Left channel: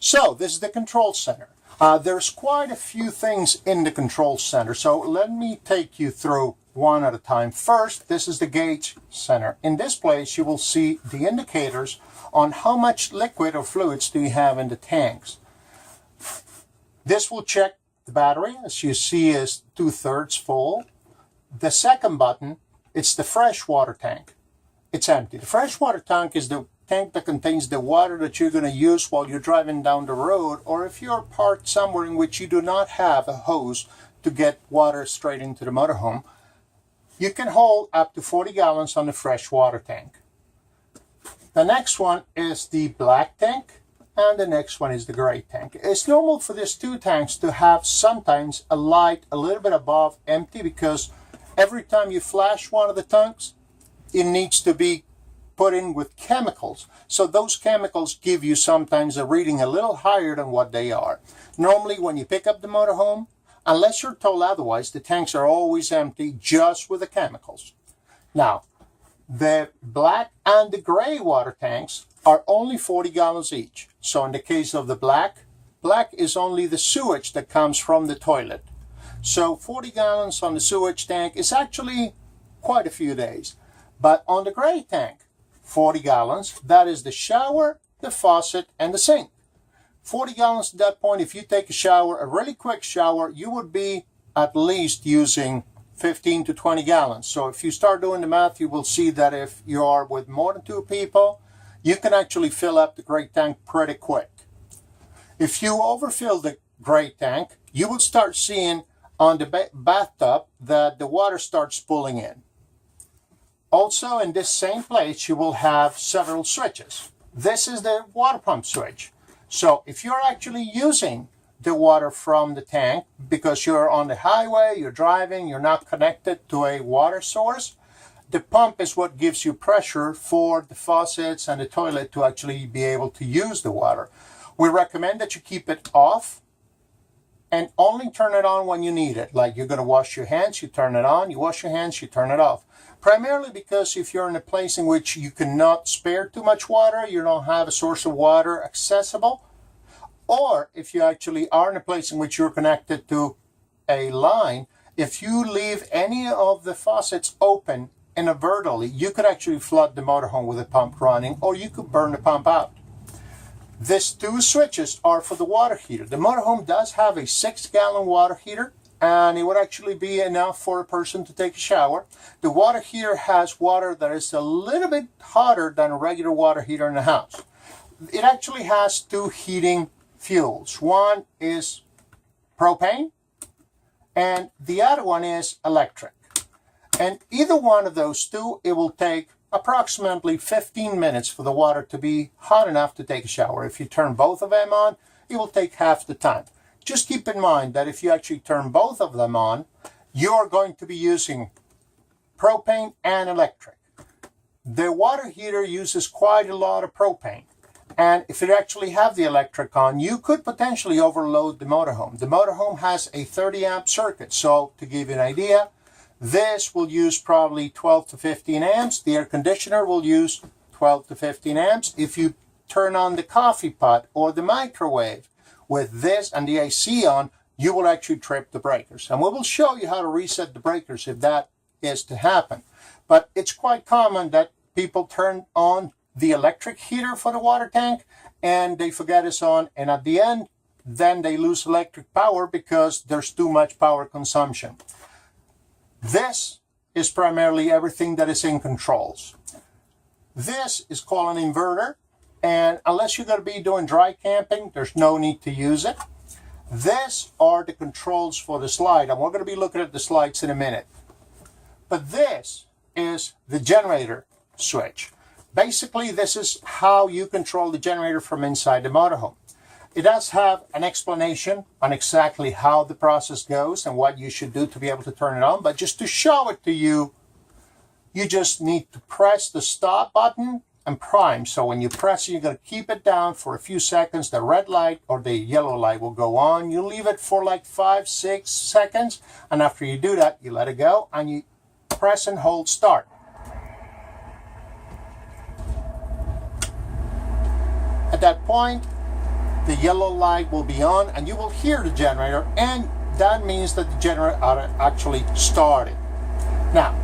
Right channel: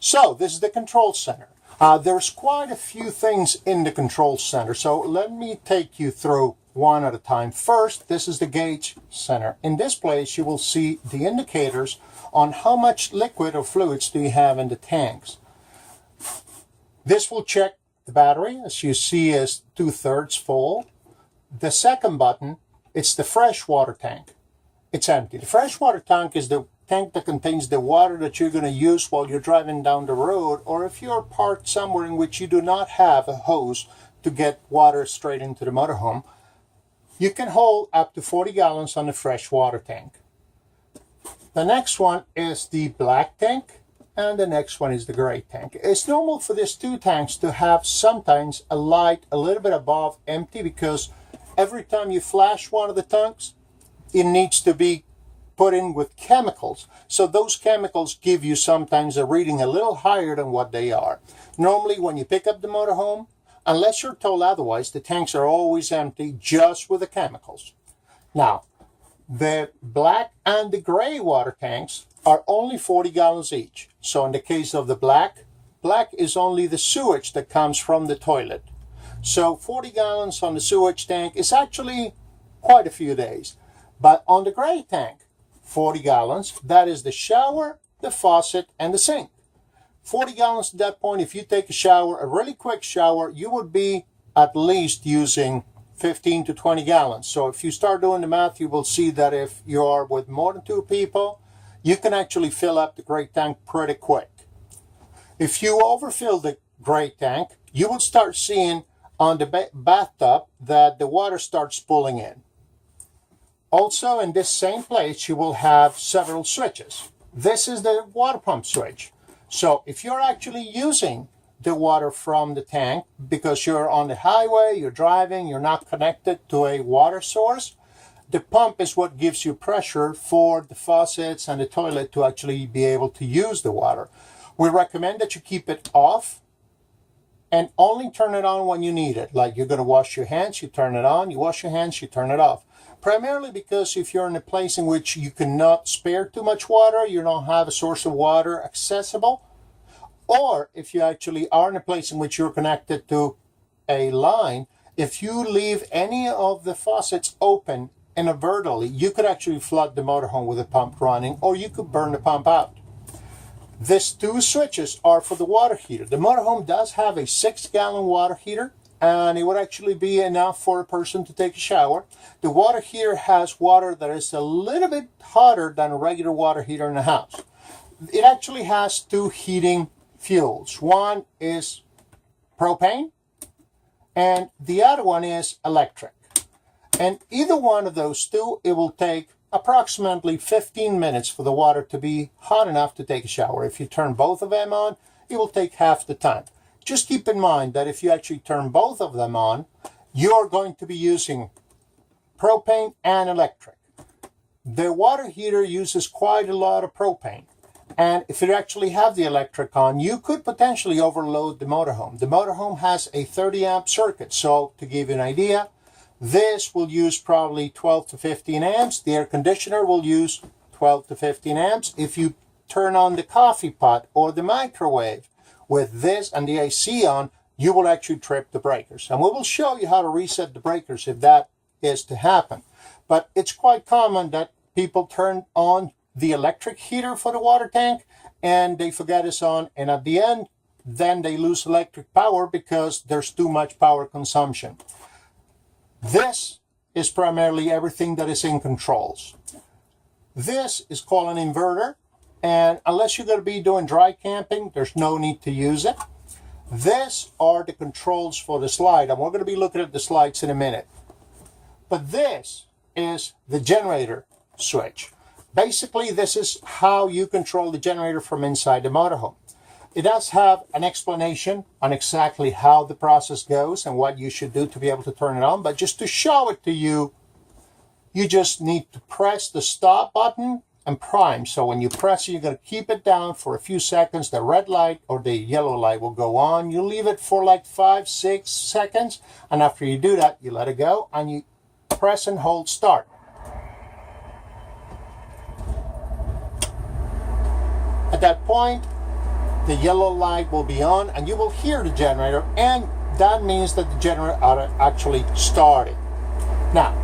So this is the control center. There's quite a few things in the control center, so let me take you through one at a time. First, this is the gauge center. In this place, you will see the indicators on how much liquid or fluids do you have in the tanks. This will check the battery, as you see, is 2/3 full. The second button, it's the freshwater tank. It's empty. The freshwater tank is the tank that contains the water that you're going to use while you're driving down the road, or if you're parked somewhere in which you do not have a hose to get water straight into the motorhome. You can hold up to 40 gallons on the freshwater tank. The next one is the black tank, and the next one is the gray tank. It's normal for these two tanks to have sometimes a light a little bit above empty, because every time you flash one of the tanks, it needs to be put in with chemicals. So those chemicals give you sometimes a reading a little higher than what they are. Normally when you pick up the motorhome, unless you're told otherwise, the tanks are always empty just with the chemicals. Now, the black and the gray water tanks are only 40 gallons each. So in the case of the black is only the sewage that comes from the toilet. So 40 gallons on the sewage tank is actually quite a few days. But on the gray tank, 40 gallons, that is the shower, the faucet, and the sink. 40 gallons at that point, if you take a shower, a really quick shower, you would be at least using 15 to 20 gallons. So if you start doing the math, you will see that if you are with more than 2 people, you can actually fill up the gray tank pretty quick. If you overfill the gray tank, you will start seeing on the bathtub that the water starts pulling in. Also, in this same place, you will have several switches. This is the water pump switch. So if you're actually using the water from the tank because you're on the highway, you're driving, you're not connected to a water source, the pump is what gives you pressure for the faucets and the toilet to actually be able to use the water. We recommend that you keep it off and only turn it on when you need it. Like you're going to wash your hands, you turn it on, you wash your hands, you turn it off. Primarily because if you're in a place in which you cannot spare too much water, you don't have a source of water accessible, or if you actually are in a place in which you're connected to a line, if you leave any of the faucets open inadvertently, you could actually flood the motorhome with a pump running, or you could burn the pump out. These 2 switches are for the water heater. The motorhome does have a 6-gallon water heater, and it would actually be enough for a person to take a shower. The water heater has water that is a little bit hotter than a regular water heater in the house. It actually has 2 heating fuels. One is propane, and the other one is electric. And either one of those 2, it will take approximately 15 minutes for the water to be hot enough to take a shower. If you turn both of them on, it will take half the time. Just keep in mind that if you actually turn both of them on, you're going to be using propane and electric. The water heater uses quite a lot of propane. And if you actually have the electric on, you could potentially overload the motorhome. The motorhome has a 30 amp circuit. So to give you an idea, this will use probably 12 to 15 amps. The air conditioner will use 12 to 15 amps. If you turn on the coffee pot or the microwave with this and the AC on, you will actually trip the breakers. And we will show you how to reset the breakers if that is to happen. But it's quite common that people turn on the electric heater for the water tank and they forget it's on, and at the end then they lose electric power because there's too much power consumption. This is primarily everything that is in controls. This is called an inverter, and unless you're going to be doing dry camping, there's no need to use it. This are the controls for the slide, and we're going to be looking at the slides in a minute. But this is the generator switch. Basically, this is how you control the generator from inside the motorhome. It does have an explanation on exactly how the process goes and what you should do to be able to turn it on, but just to show it to you, you just need to press the stop button and prime. So when you press it, you're going to keep it down for a few seconds. The red light or the yellow light will go on. You leave it for like 5-6 seconds, and after you do that, you let it go and you press and hold start. At that point, the yellow light will be on and you will hear the generator, and that means that the generator actually started. Now,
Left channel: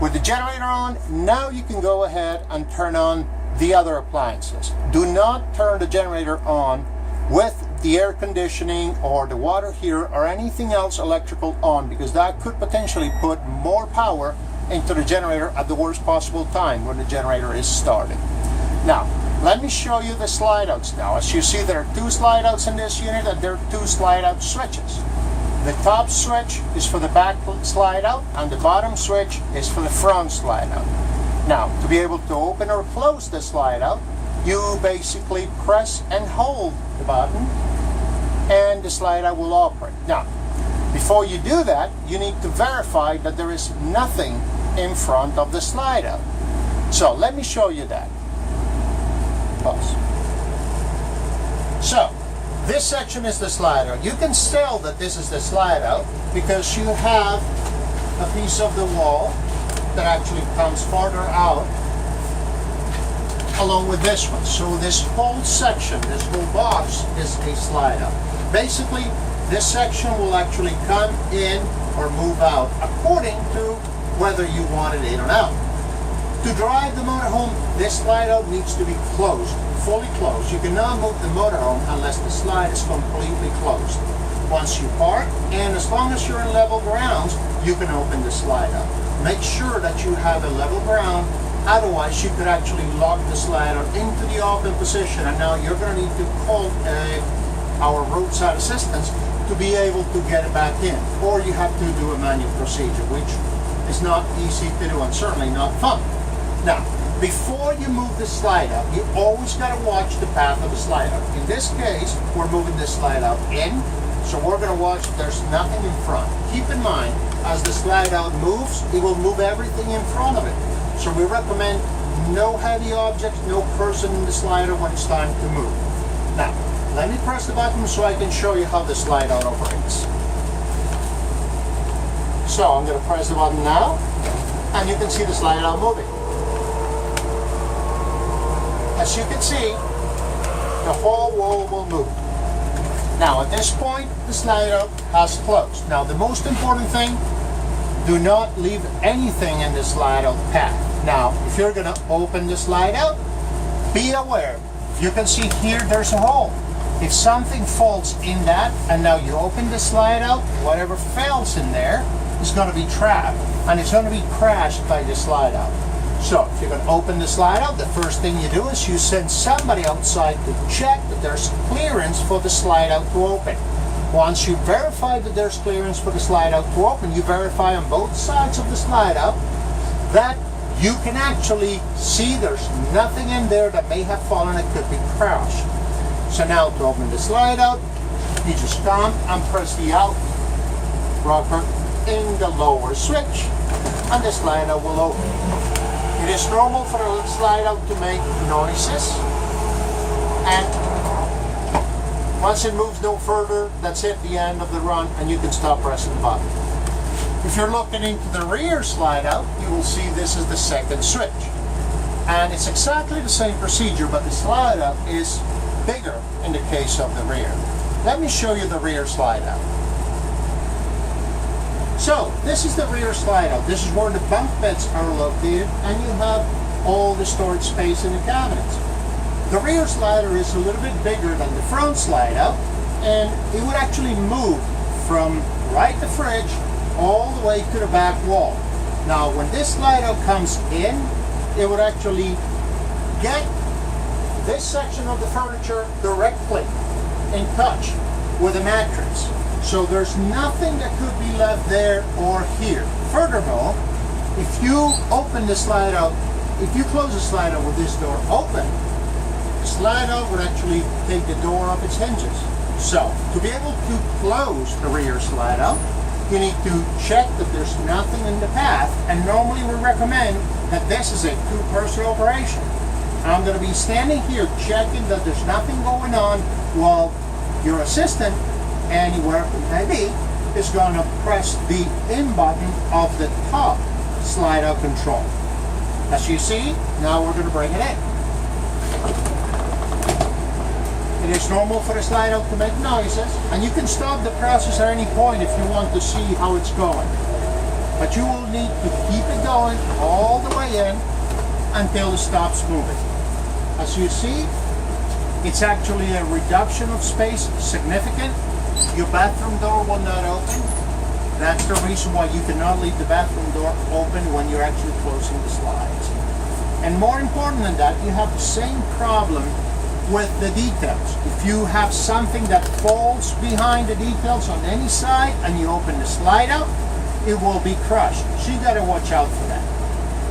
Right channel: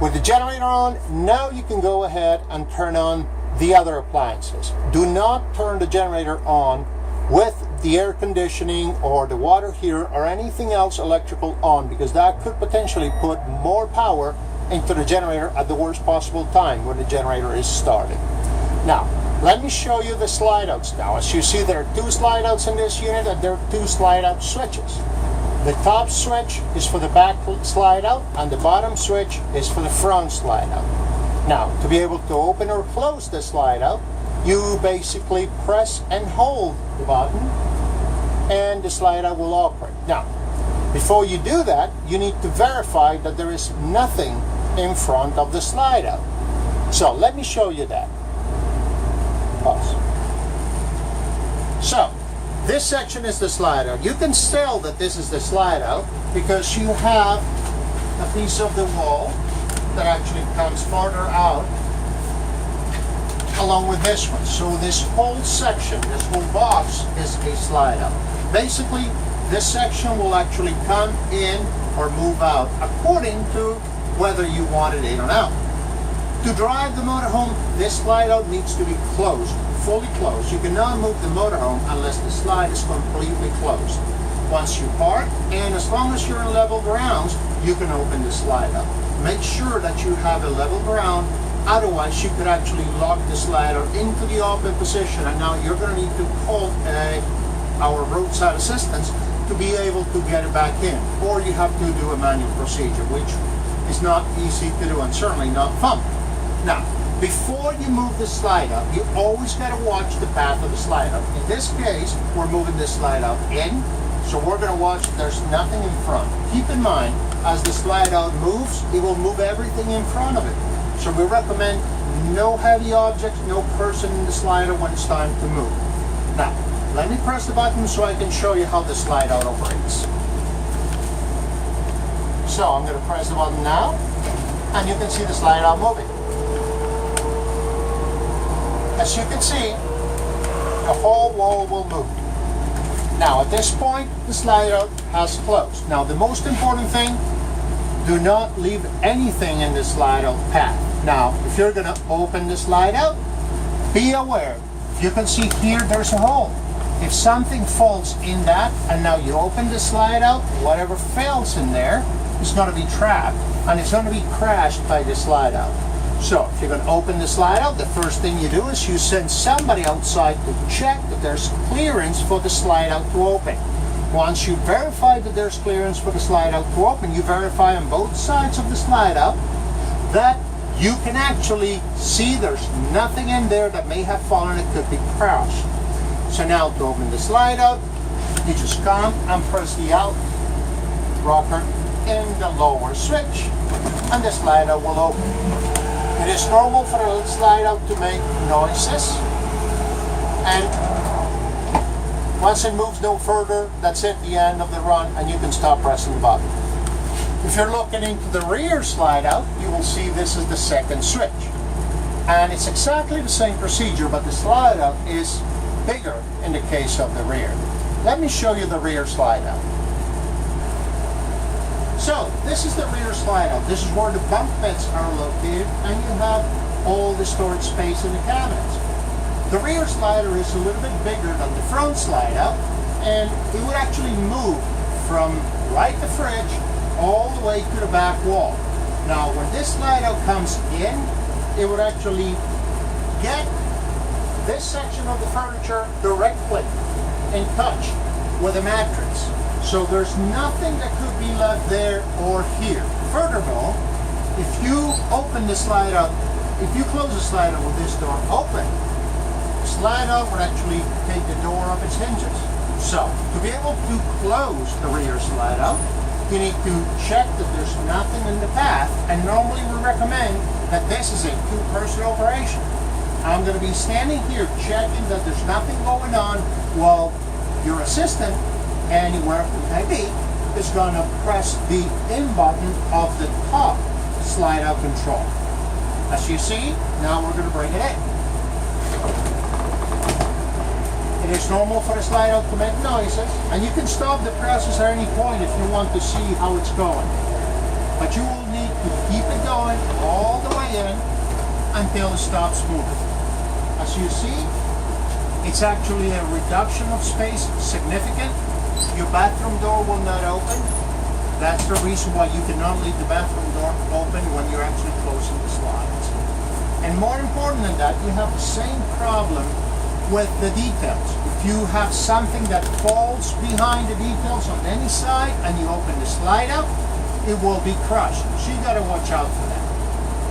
with the generator on, now you can go ahead and turn on the other appliances. Do not turn the generator on with the air conditioning or the water heater or anything else electrical on, because that could potentially put more power into the generator at the worst possible time when the generator is started. Now, let me show you the slide outs now. As you see, there are two slide outs in this unit, and there are two slide out switches. The top switch is for the back slide out, and the bottom switch is for the front slide out. Now, to be able to open or close the slide out, you basically press and hold the button, and the slide out will operate. Now, before you do that, you need to verify that there is nothing in front of the slide out. So let me show you that. Pause. So, this section is the slide out. You can tell that this is the slide out because you have a piece of the wall that actually comes farther out along with this one. So this whole section, this whole box is a slide out. Basically, this section will actually come in or move out according to whether you want it in or out. To drive the motorhome, this slide out needs to be closed, fully closed. You cannot move the motorhome unless the slide is completely closed. Once you park, and as long as you're in level grounds, you can open the slide out. Make sure that you have a level ground, otherwise you could actually lock the slide out into the open position, and now you're going to need to call our roadside assistance to be able to get it back in. Or you have to do a manual procedure, which is not easy to do and certainly not fun. Now, before you move the slide out, you always got to watch the path of the slide out. In this case, we're moving the slide out in, so we're going to watch if there's nothing in front. Keep in mind, as the slide out moves, it will move everything in front of it. So we recommend no heavy objects, no person in the slider when it's time to move. Now, let me press the button so I can show you how the slide out operates. So I'm going to press the button now, and you can see the slide out moving. As you can see, the whole wall will move. Now at this point, the slide out has closed. Now the most important thing, do not leave anything in the slide out path. Now, if you're going to open the slide out, be aware. You can see here there's a hole. If something falls in that, and now you open the slide out, whatever fails in there is going to be trapped, and it's going to be crashed by the slide out. So if you're going to open the slide out, the first thing you do is you send somebody outside to check that there's clearance for the slide out to open. Once you verify that there's clearance for the slide out to open, you verify on both sides of the slide out that you can actually see there's nothing in there that may have fallen. It could be crashed. So now to open the slide out, you just come and press the out rocker in the lower switch, and the slide out will open. It is normal for a slide out to make noises, and once it moves no further, that's it, the end of the run, and you can stop pressing the button. If you're looking into the rear slide out, you will see this is the second switch. And it's exactly the same procedure, but the slide out is bigger in the case of the rear. Let me show you the rear slide out. So, this is the rear slide out. This is where the bunk beds are located, and you have all the storage space in the cabinets. The rear slider is a little bit bigger than the front slide out, and it would actually move from right the fridge all the way to the back wall. Now, when this slide out comes in, it would actually get this section of the furniture directly in touch with the mattress. So there's nothing that could be left there or here. Furthermore, if you open the slide out, if you close the slide out with this door open, the slide out would actually take the door off its hinges. So to be able to close the rear slide out, you need to check that there's nothing in the path, and normally we recommend that this is a two-person operation. I'm going to be standing here checking that there's nothing going on while your assistant, anywhere it may be, is going to press the in button of the top slide out control. As you see, now we're going to bring it in. It is normal for the slide out to make noises, and you can stop the process at any point if you want to see how it's going. But you will need to keep it going all the way in until it stops moving. As you see, it's actually a reduction of space, significant. Your bathroom door will not open. That's the reason why you cannot leave the bathroom door open when you're actually closing the slides. And more important than that, you have the same problem with the details. If you have something that falls behind the details on any side and you open the slide out, it will be crushed. So you gotta watch out for that.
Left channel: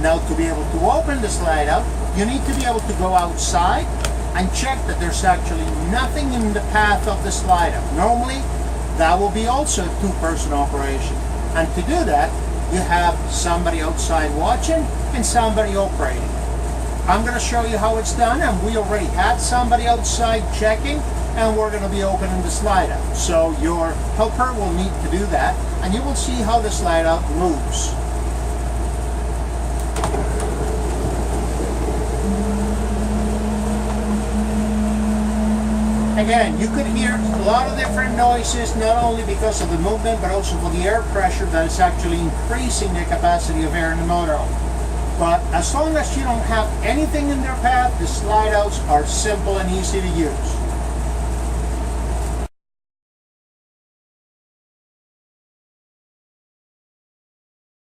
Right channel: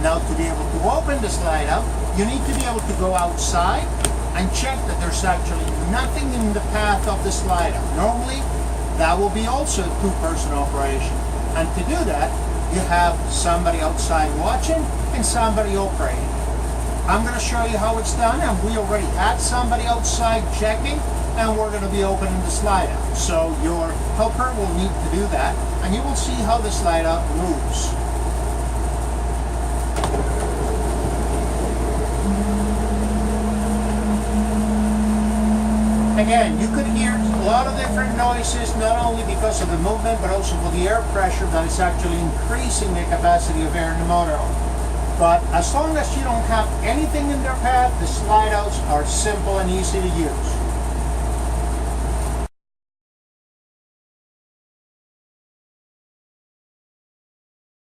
Now, to be able to open the slide out, you need to be able to go outside and check that there's actually nothing in the path of the slide out. Normally, that will be also a two-person operation. And to do that, you have somebody outside watching and somebody operating. I'm going to show you how it's done, and we already had somebody outside checking, and we're going to be opening the slide out. So your helper will need to do that, and you will see how the slide out moves. Again, you could hear a lot of different noises, not only because of the movement, but also for the air pressure that is actually increasing the capacity of air in the motorhome. But as long as you don't have anything in their path, the slide outs are simple and easy to use.